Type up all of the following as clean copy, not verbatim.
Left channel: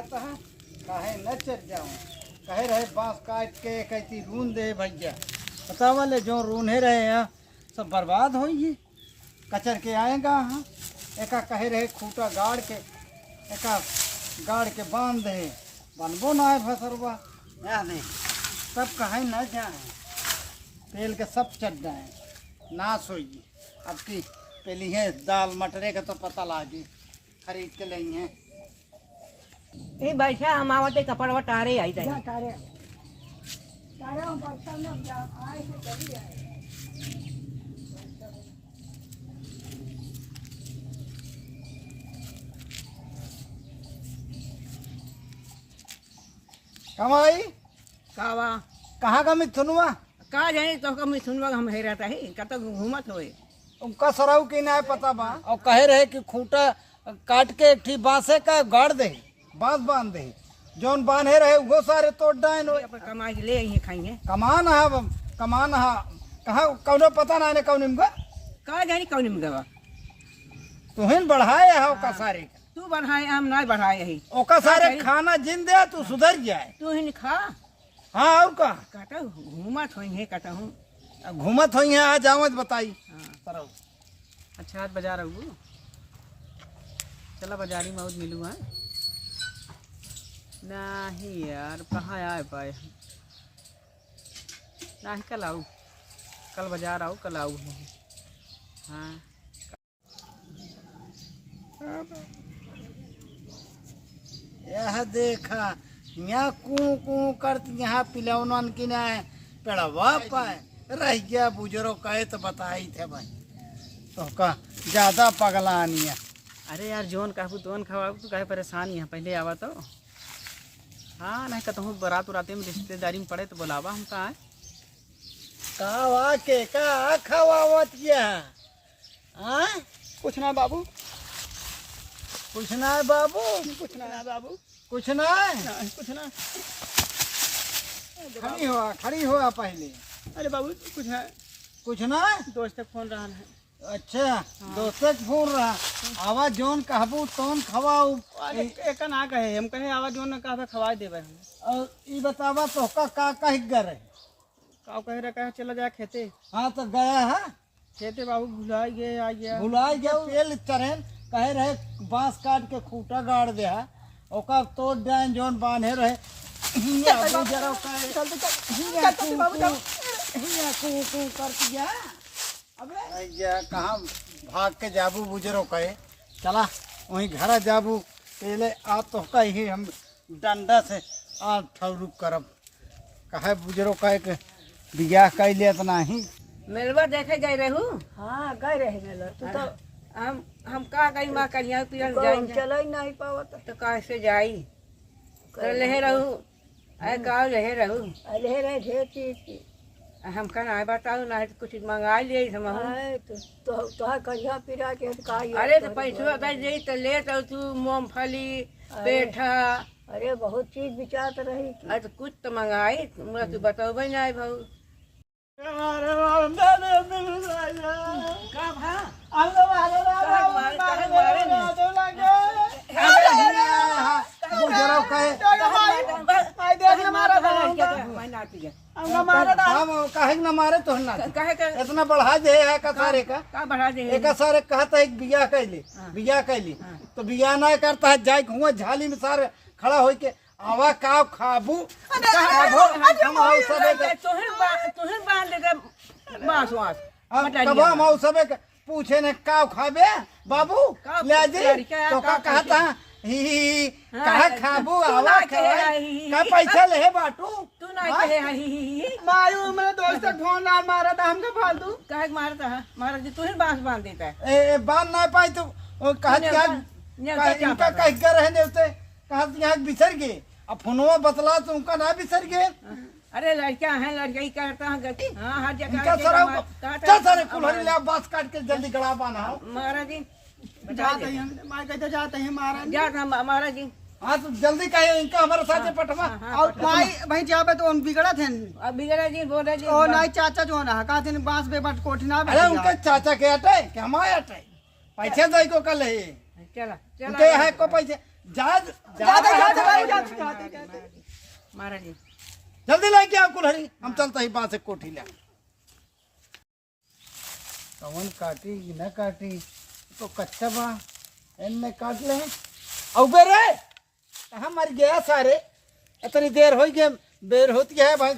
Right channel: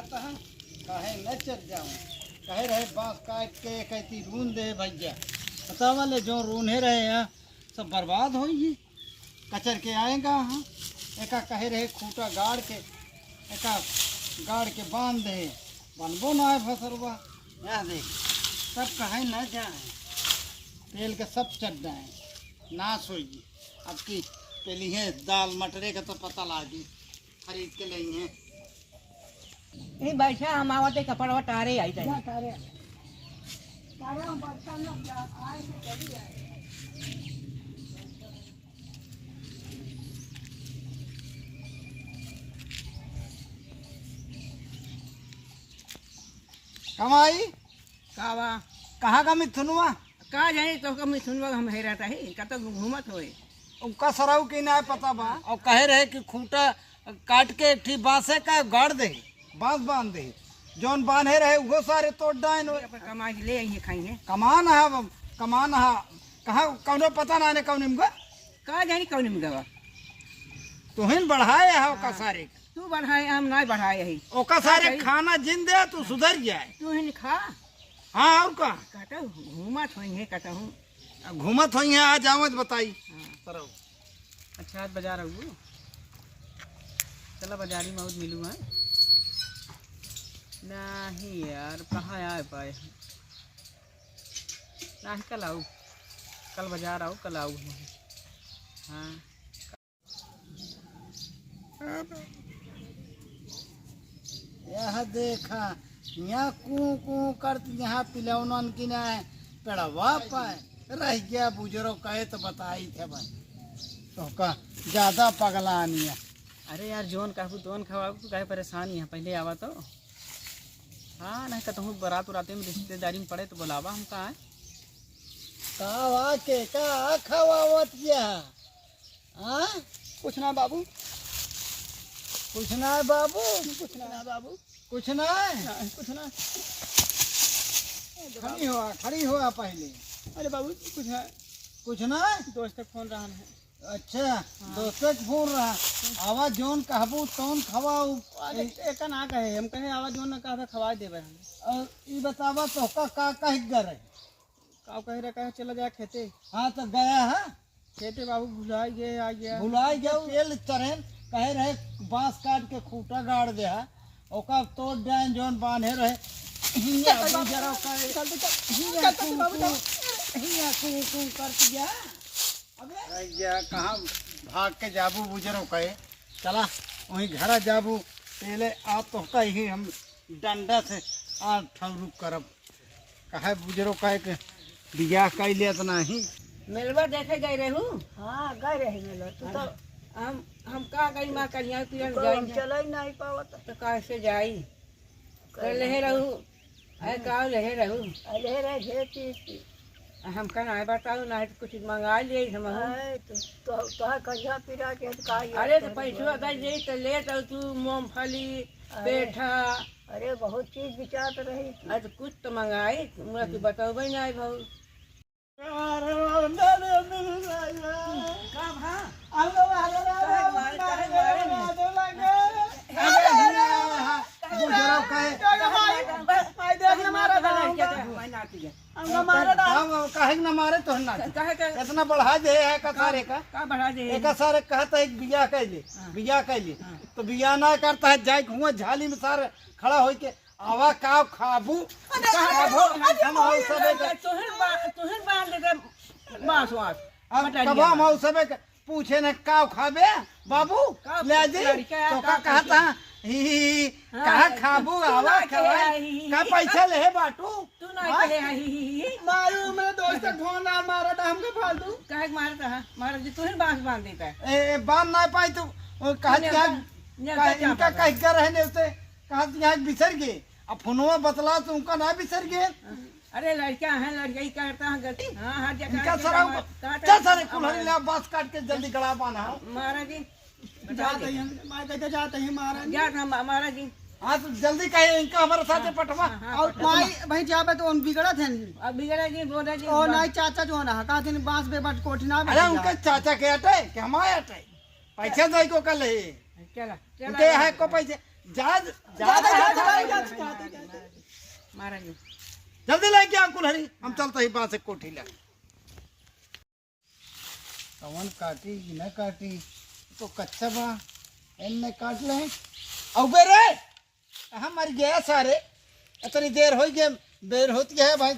देखत है काहे न चल जाऊं कहे रहे बांस काट के कहती रून दे भैया पता वाले जो रूने रहे हैं सब बर्बाद होंगी कचर के आएगा हाँ एका कहे रहे खूटा गाड़ के एका गाड़ के बांध दे बनबो ना है फसलवा यहाँ देख सब कहे न जाए तेल के सब चट जाए नाश होगी अब की पहली है दाल मटरे का तो पता लागी खरीद के लेंगे ए बैठा हम आवते कपड़ा वटारे आई जाए तारे तारे हम बर्तन में आए से चली आए कमाई कावा कहाँ का मिथुनवा का जाए तो कम सुनवा हम है रहता है कत घूमत होए उनका सराव की ना पता बा और कहे रहे कि खूंटा काट के एक ठी बांसे का गाड़ दे बांस बांध दे जौन बांधे रहे वो सारे तोड़ डाइन कमाई ले आई खाएंगे कमान है कमान है कहाँ कौनो पता ना ने कौन इनका का जानी कौन में गवा तुहिन बढ़ाए है ओका सारे तू बढ़ाए हम ना बढ़ाए यही ओका सारे खाना जिन दे तू सुधर जाए तू हिन खा हाँ और का काटा घूमत होए कहता हूँ घूमत हुई है आज आवे बताई हाँ अच्छा आज बाजार आऊ चला बाजारी में मिलूँ हाँ नहीं यार कहाँ आए पाए नहीं कल आऊ कल बाजार आओ कल आऊ हाँ यह देखा यहाँ कू कू करती यहाँ पिलौनन की ना पेड़वा पाए रह गया बुजुर्ग कहे तो बताई थे भाई तो का ज्यादा पगलानी है अरे यार जोन कहबू तोन खवाबू तू काहे परेशानी है पहले आवा तो हाँ नहीं कहता बारात उराते में रिश्तेदारी में पड़े तो बुलावा हम कहाँ कावा के का खवावत क्या हाँ कुछ ना बाबू कुछ ना है बाबू कुछ ना बाबू कुछ ना है कुछ ना खड़ी हुआ पहले अरे बाबू कुछ है कुछ ना है दोस्त तक फोन रहा है अच्छा दोस्त फोन रहा आवाज जोन कहबू तोन खवाऊ एक ना कहे हम कहे आवाज जोन कहा खवा देवे हम और ये बतावा तो का कह गए का कह रहा कहे चला जाए खेते हाँ तो गया है खेते बाबू भुलाई गए आ गया भुलाई गया तेल चरेन कहे रहे बांस काट के खूटा गाड़ दे है ओका तोड़ डाइन जोन बांधे रहे हिया बुजरो कहे हिया कू कर दिया अबे या कहाँ भाग के जाबू बुजरो कहे चला वहीं घर जाबू पहले आ तो कही हम डंडा से आ ठरुक करब कहे बुजरो कहे के बियाह कर लिया तो नहीं मेलवा देखे गए रहू हाँ गए रहे मेला तो हम का गई माँ कलिया पियन जाई चल ही नहीं पावत तो कैसे जाई तो लहे रहू अरे का लहे रहू अले रहे ढेर चीज की हम कहना है बताओ ना तो कुछ मंगा लिए हम है तो कहिया पिरा के तो का अरे तो पैसा दे दे तो ले तो तू मूंगफली पेठा अरे बहुत चीज बिचात रही अरे तो कुछ तो मंगाए मुझे तो बताओ ना भाऊ का भा बुजरो कहे कहे न मारे तो ना इतना बढ़ा दे है का सारे का बढ़ा दे एक सारे कहता है बिया कैले बिया कैले तो बिया ना करता है जाए हुआ झाली में सारे खड़ा हो के आवा का खाबू पूछे ने का खाबे बाबू ले जी तो का कहता ही कहा खाबू आवा का पैसा ले बाटू तू ना कहे मारू मेरे दोस्त फोन आ मारा था हमने फालतू कहे मारता है मारा जी तू ही बांस बांध देता है ए बांध ना पाई तो कहा इनका कह के रहने उसे कहा यहाँ बिसर गए अब फोनवा बतला तो उनका ना बिसर गए अरे लड़का है लड़का ही करता है गलती हाँ हर इनका जगह क्या सारे कुल्हाड़ी ले बांस काट के जल्दी गड़ा बांधा महाराज जी जाते हैं मैं कहते जाते हैं महाराज जा महाराज जी हाँ तो जल्दी कहे इनका हमारे साथ पटवा और माई भाई जहाँ पे तो उन बिगड़ा थे अब बिगड़ा जी बोले जी और नहीं चाचा जो ना कहा थे बांस पे बट कोठना अरे उनके चाचा के हटाए कि हमारे हटाए पैसे दे को कल है चला उनके है को पैसे जाते मारा जी जल्दी लेके आ कुल्हड़ी हम चलते ही बांस से कोठी ले कवन काटी कि न काटी तो कच्चा बा इनने काट ले अबे रे कहाँ मर गया सारे इतनी देर हो गई देर होती है भाई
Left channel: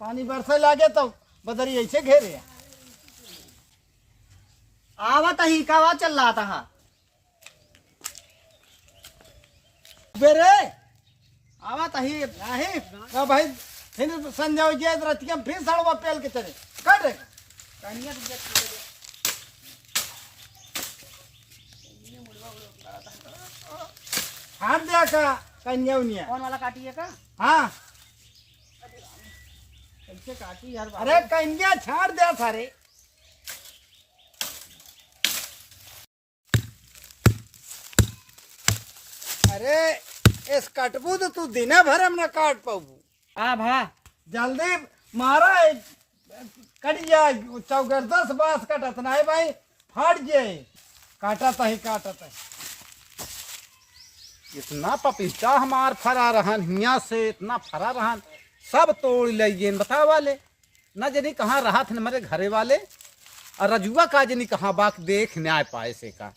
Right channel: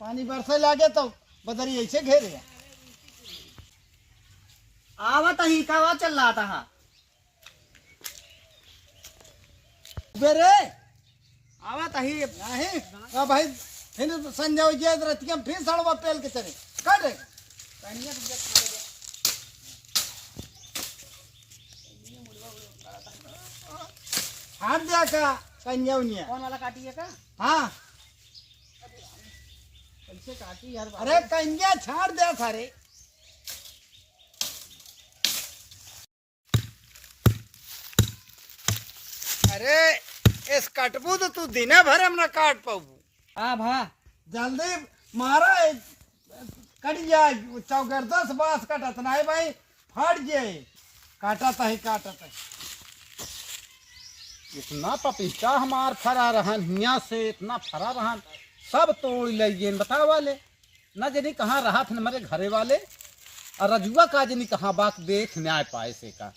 पानी बरसे लागे तो बदरी ऐसे घेरे आवत ही का चल रहा था। अबे रे आवत ही राही का भाई फिर संजय जी रतिया फिर सड़वा पेल के चले काट रे कनिया हाथ दिया का कन्या कौन वाला काटी है का हाँ कैसे काटी यार अरे कन्या छाड़ दिया सारे अरे इस कटबू तो तू दिन भर हम ना काट पाऊ आ भा जल्दी मारा कट जाए चौगरदा से बांस कटत ना है भाई फट जाए काटत है काटत है इतना पपीता हमार फरा रहन हिया से इतना फरा रहन सब तोड़ लिए बता वाले न जनी कहाँ रहा थे हमारे घरे वाले और रजुआ का जनी कहाँ बात देख न्याय पाए से का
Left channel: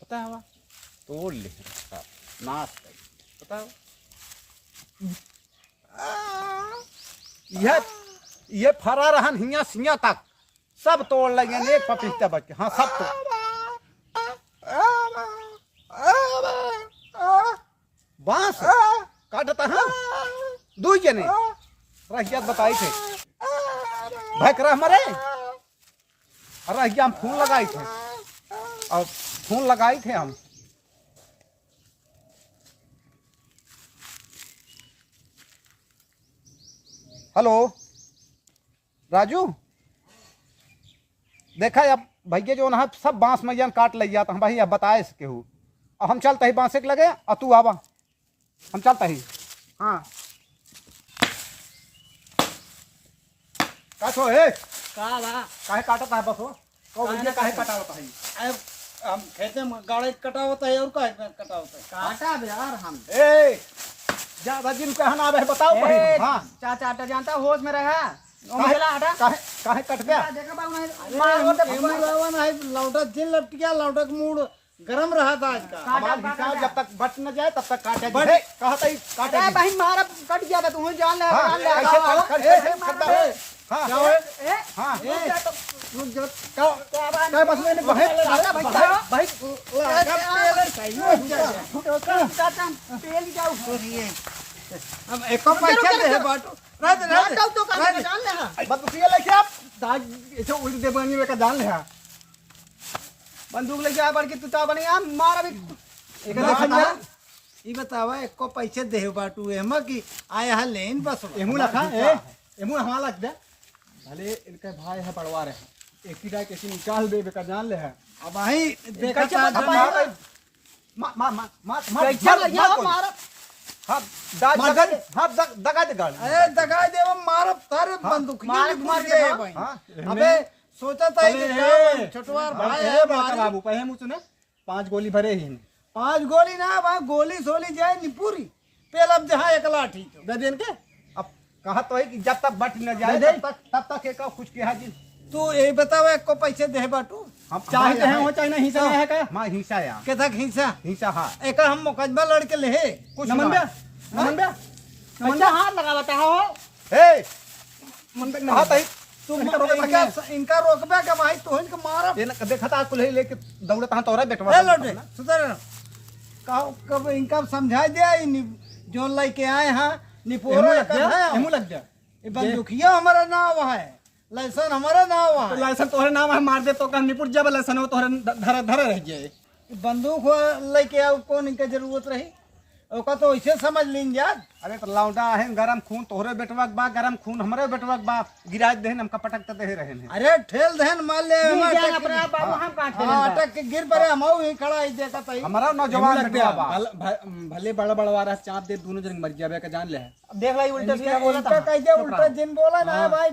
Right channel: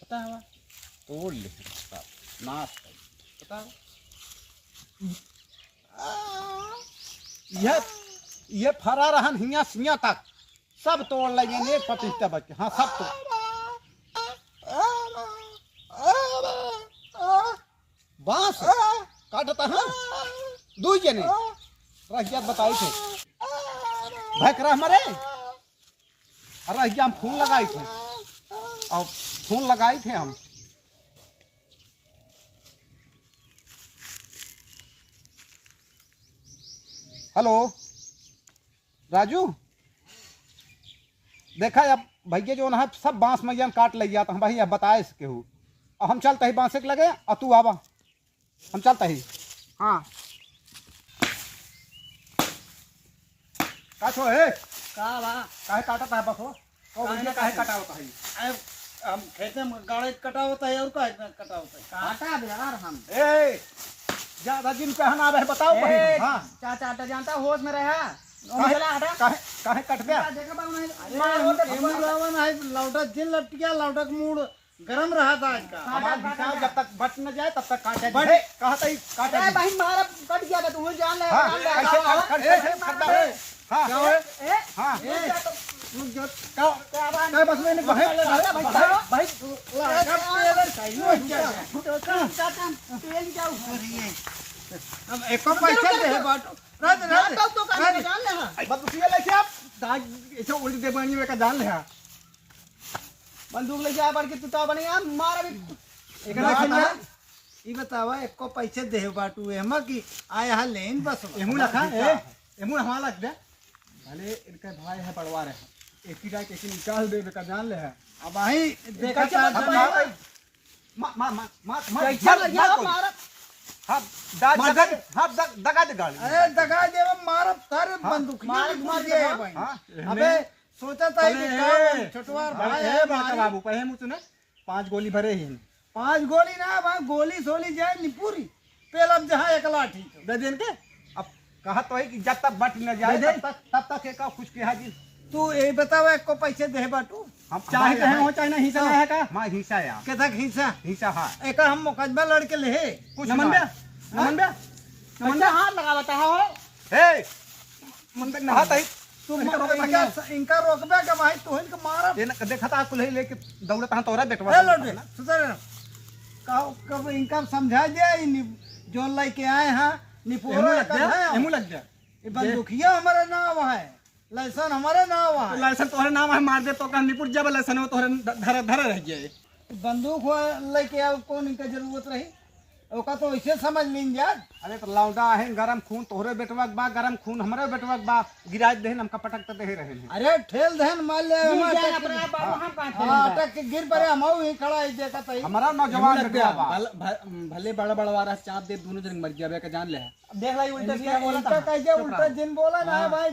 पता हवा तोड़ ले सब नाश कर पता ये फरा रहन हिया सिया तक सब तोड़ लिए एक पपीता बच हाँ सब तोड़ बांस काटता है दू जने रहिया बताई थे भक रह मरे रहिया हम फूल लगाई थे और फूल लगाई थे हम हेलो राजू देखा अब भैया जो ना सब बांस मैया काट लिया तो हम भाई अब बताए इसके हूँ और हम चलते ही बांसे के लगे और तू आवा हम चलते ही हाँ का छो है का बा काहे काटता है बस हो तो भैया काहे कटावता है हम खेते में गाड़े कटा होता है और का कटा होता है काटा यार हम ए ज्यादा दिन कहना है बताओ भाई हाँ चाचा आटा जानता होश में रहा काहे काहे कट गया देखा बाबू रावण है लौटा जिन लट गया लौटा का मूड गरम रहा था आज का हमारा हिसाब जब तक बच न जाए तब तक काटे बट- कहता ही काटे अरे भाई मारा कट गया था तू जान ले हाँ, जान ले कैसे करता है हाँ क्या है हाँ रुक जा क्या बस में भाई हम एको पैसा दे बाटो रात रात तो जान ले बस किया लेके आप दाग ऐसे उल्टी दे बनी में का जान ले हाँ बंदूक लेके आ बढ़ के तू ता बने यार मारा भी एक देखा ई बतावा एको पैसे दे बाटू एमा की आया है लेन बस एमू लखा ए एमू हमारा लग दे भले इनके भाई है पड़वा रहे एक ही डाक ऐसे निकाल दे का जान ले है अब आई देखा मा मा मा मा कैसे लगा मारा हाँ दगा हाँ दगा दे गाड़ी अरे दगा दे मारो तारे बंदूक मार दे भाई हाँ अबे सोचा था कि छोटवार भाई है बाबू बाबू पहे मुझ ने 5 गोली भरे ही 5 गोली ना भाई गोली सोली जाए नी पूरी पेल अब जहाँ एक लाठी तो दे देन के अब कहा तो है कि जब तक बट न जाए दे। तब तक एक कुछ के हाजी तू ये बतावा एको पैसे दे बाटू हम चाहे तो है वो चाहे नहीं हिस्सा है का मां हिस्सा या के तक हिस्सा हिस्सा हाँ एक हम मुकदमा लड़के ले कुछ नमन बे नमन बे बच्चा हाथ लगा बता हो ए मन तक ना है तू इनका रोकबे के भाई तू इनका मारा ये ना देखा था कुल लेके दौड़ता हां तोरा ए बेटवा लौटे सुधर ना कब इनका समझा दिया जो लेके आए हैं निपोरो एमू लग गया ये बंदूकिया हमारा नाम है लाइसेंस हमारा नाम है लाइसेंस तोरे नाम है मार दे तो का निपुट जब लाइसेंस तोरे धरे धरे रह गए बंदूक लेके आओ कौन इनका जरूरत रही ओका तो ऐसे समझ लीन जा अरे तो लौंडा है गरम खून तोहरे बेटवा के बा गरम खून हमरे बेटवा के बा गिराज देहन हमका पटक दे रहे हैं अरे ठेल दहन मार ले अपने आप बाबू हम काट अटक के गिर पड़े हम ही खड़ा ही देखा था हमारा नौजवान बेटवा बा भले बड़ा बड़ा रहा चाप दे दोनों जन मर गया का जान ले देख लाई उल्टा सीधा बोला था कैसे उल्टा दिन बोला ना भाई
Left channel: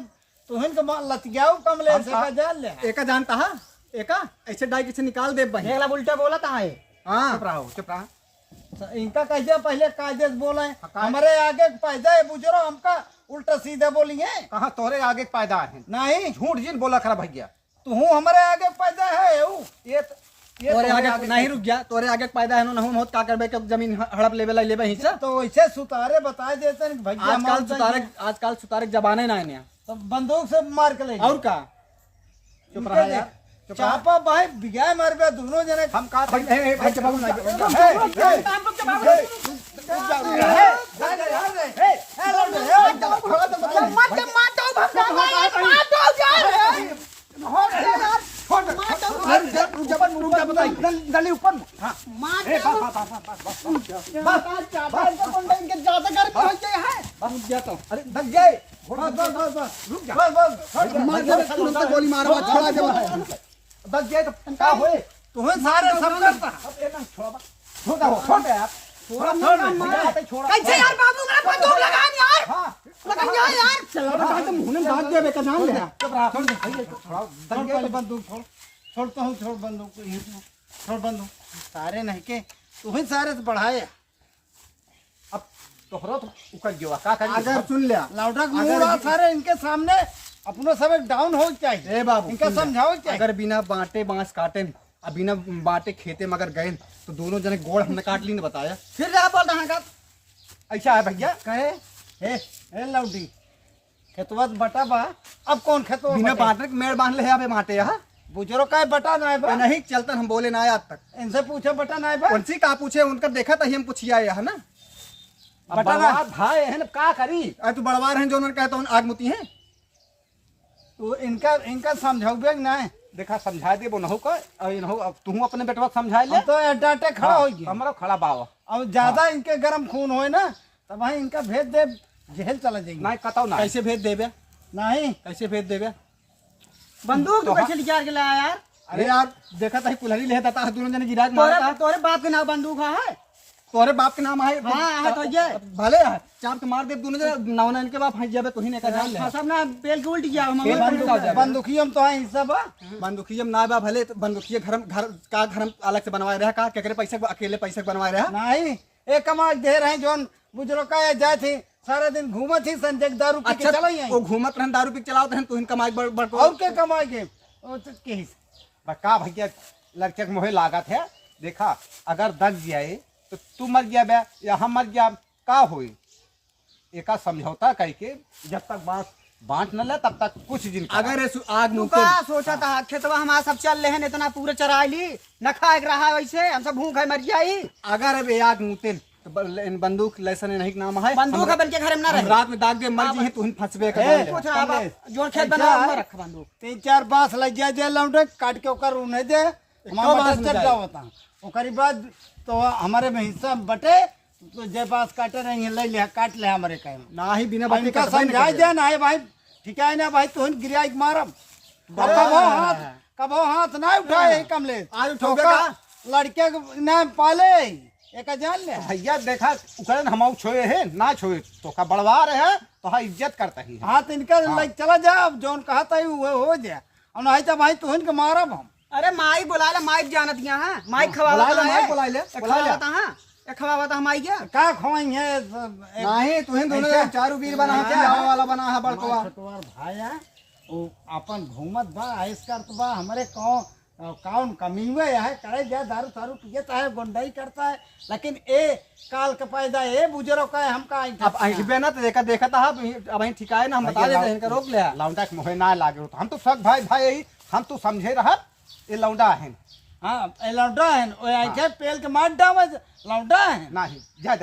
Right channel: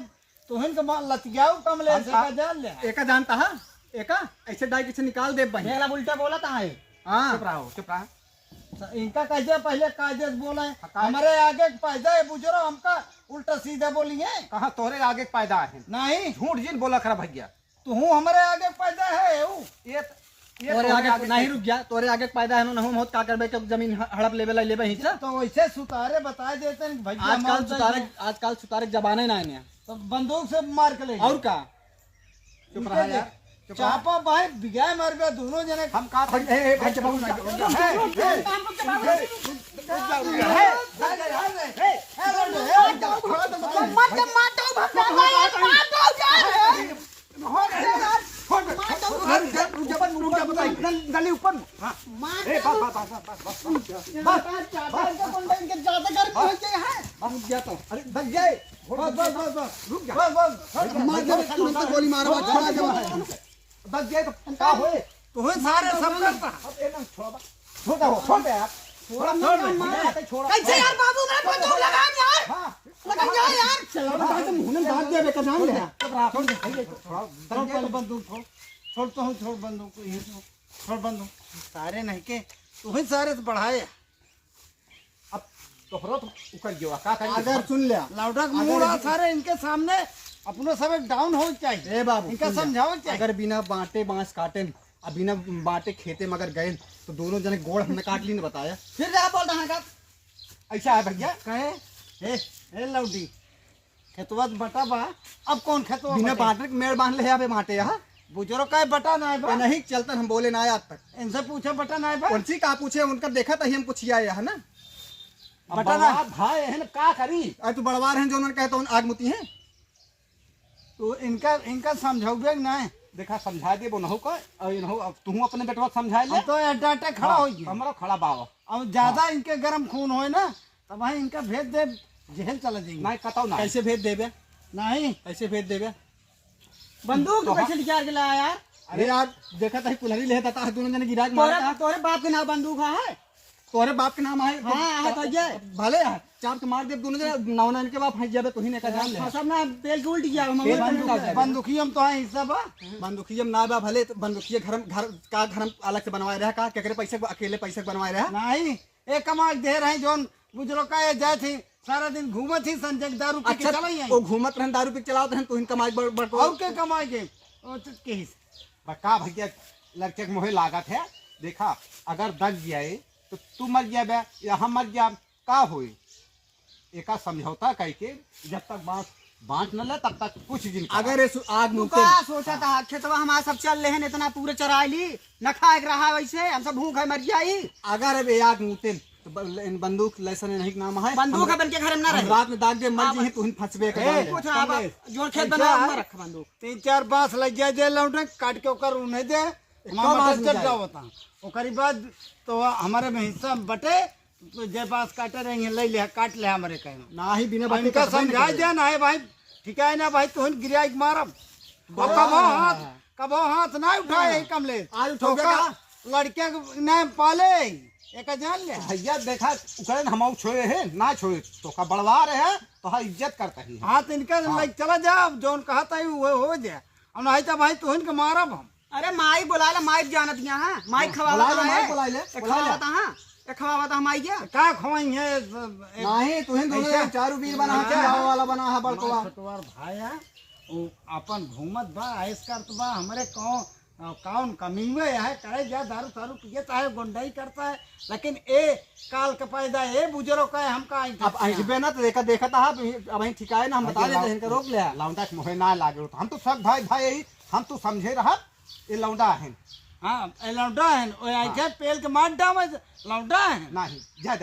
तुहिन के लतियाऊ कमले से का जान ले एका जानता है एका ऐसे डाई पीछे निकाल दे बहन देख ला उल्टा बोला था है हां चुप रहो इनका कैसे पहले कायदे से बोले हमारे आगे पैदा है बुजुर्ग हमका उल्टा सीधे बोलिए कहाँ तोरे आगे पैदा है नहीं झूठ जिन बोला खरा भैया तू हमारे आगे पैदा है ये तोरे आगे नहीं रुक गया, तोरे आगे पैदा है ना नहीं बहुत का करबे के जमीन हड़प लेवे लेवे हिस्सा। तो वैसे सुतारे बता देते हैं भैया आजकल सुतारे जमाने ना है तो बंदूक से मार के ले और का चुप रहा यार, चापा भाई बिगाए मर गए दोनों जने हम कहा गोली मारो बस गए तो क्या हुए तुम्हें सारे सब कैसे यार बाबू मेरा बंदूक लगान यार, लगान यार चला तो मुंह में दांत दे बेटा नाम ले बंदूक छोड़ता हूँ छोड़ बंदूक छोड़ बंदूक सारे नहीं के तुम्हें सारे से बढ़ाए अब तोहरा तो उकल गया का करिए अगर सुन लिया लाउडा मुड़ा सारे इनके सामने अपनो सब एक डाउन हो चाहिए ए बाबू इनका समझाओ चाहिए अगर बिना बांटे बांस काटे अब बिना बांटे खेते मगर गए तो दोनों जने गोड़ हमने काट ली ने बताया फिर रहा बोल रहा का ऐसा है भैया कहे हे लाउडी खेतवा बटा बा अब कौन खेतवा बिना बांटे मेड़ बांध ले अबे बांटे यहाँ बुजुर्ग का बटा ना है बा नहीं चलता हम बोले ना आज तक इनसे पूछे बटा ना है बा उनसे का पूछे उनका देखा तो हम पूछिया है ना अब बर्बाद भाई है ना का करी तू बड़वार हैं जो उन्होंने कहता हूँ आग मुती है तो इनका समझाओगे ना देखा समझा दे वो नहु का और नहु अब तू अपने बेटवा समझा ले तो डाटे खड़ा हो गया हमारा खड़ा बावा और ज्यादा इनके गर्म खून होए ना तब वहीं इनका भेज दे जेल चला जाएंगे नहीं कताऊ ना कैसे भेज देवे नहीं कैसे भेज देवे बंदूक तो कैसे निकाल के लाया यार अरे यार देखा था कुल्हाड़ी ले था दोनों जने गिरा मारा तोरे बाप के नाम बंदूक है तोरे बाप के नाम है हाँ, तो ये। भले है चाप के मार दे दोनों जने नौना इनके बाप फंस जाबे तो ही ने का जान ले सब ना बेल के उल्ट गया बंदूक बंदूकी हम तो है ई सब बंदूकिया ना बा भले बंदूकिया घर का घर अलग से बनवाए रहा का केकरे पैसे अकेले पैसे बनवाए रहा नहीं एक कमाल दे रहे जोन बुजुर्ग का जाए थे सारा दिन घूमत थी संजय दारू पी के चला वो घूमत रहन दारू पी के चलावत रहन तो इन कमाई बड़ और क्या कमाएंगे ओ तो के का भैया लड़के के मोहे लागत है देखा अगर दग जाए तो तू मर गया बे या हम मर गया का होई एका समझौता कह के जब तक बांट न ले तब तक कुछ दिन अगर ये आग तू मुक्ति का सोचा था खेतवा हमारा सब चल रहे हैं इतना पूरे चरा ली न खाए रहा वैसे हम सब भूख है मर जाई अगर अब आग मुक्ति तो बंदूक लाइसेंस नहीं के नाम है बंदूक है बन के घर में ना रहे रात में दाग दे मर जी है तो फंसबे कर पूछ रहा है जो खेत बना हुआ रख बंदूक 3-4 बांस लग जाए दे लौटे काट के ओकर उन्हें दे हमारा चट जाओ होता ओकरी बाद तो हमारे में हिस्सा बटे जे बांस काटे रही ले ले काट ले हमारे कहे ना ही बिना बात इनका समझाई दे ना है भाई ठीक है ना भाई तुम गिराई मारब कबो हाथ ना उठाए कमले आज उठोगे का लड़के ना पाले एक जान ले भैया देखा उकरन हम छोए है ना छोए तो का बड़वा रहे है तो हा इज्जत करता ही है हाथ इनका लाइक चला जा जोन कहा था वो हो जाए और नहीं तो भाई तुम के मारब हम अरे माई बुला ले माई जानत दिया है माई खवाला बुला ले माई बुला ले खवावा था माई क्या का खोएंगे नहीं तुहिन दोनों चारू वीर बना है क्या वाला बना है बड़कवा छोटवार भाई है वो अपन घूमत बा आइस करत बा हमारे कौन कमी में है करे जा दारू तारू पिए चाहे गुंडाई करता है लेकिन ए काल का पैदा ए बुजुर्ग का है हमका अब अइबे ना तो देखा था अब ही ठिकाए ना हम बता देते इनका रोक ले लौंडा के मोहे ना लागे तो हम तो सब भाई भाई यही हम तो समझे रहा ये लौंडा है हाँ लौंडा है पेल के मार डावे लौंडा है नहीं जा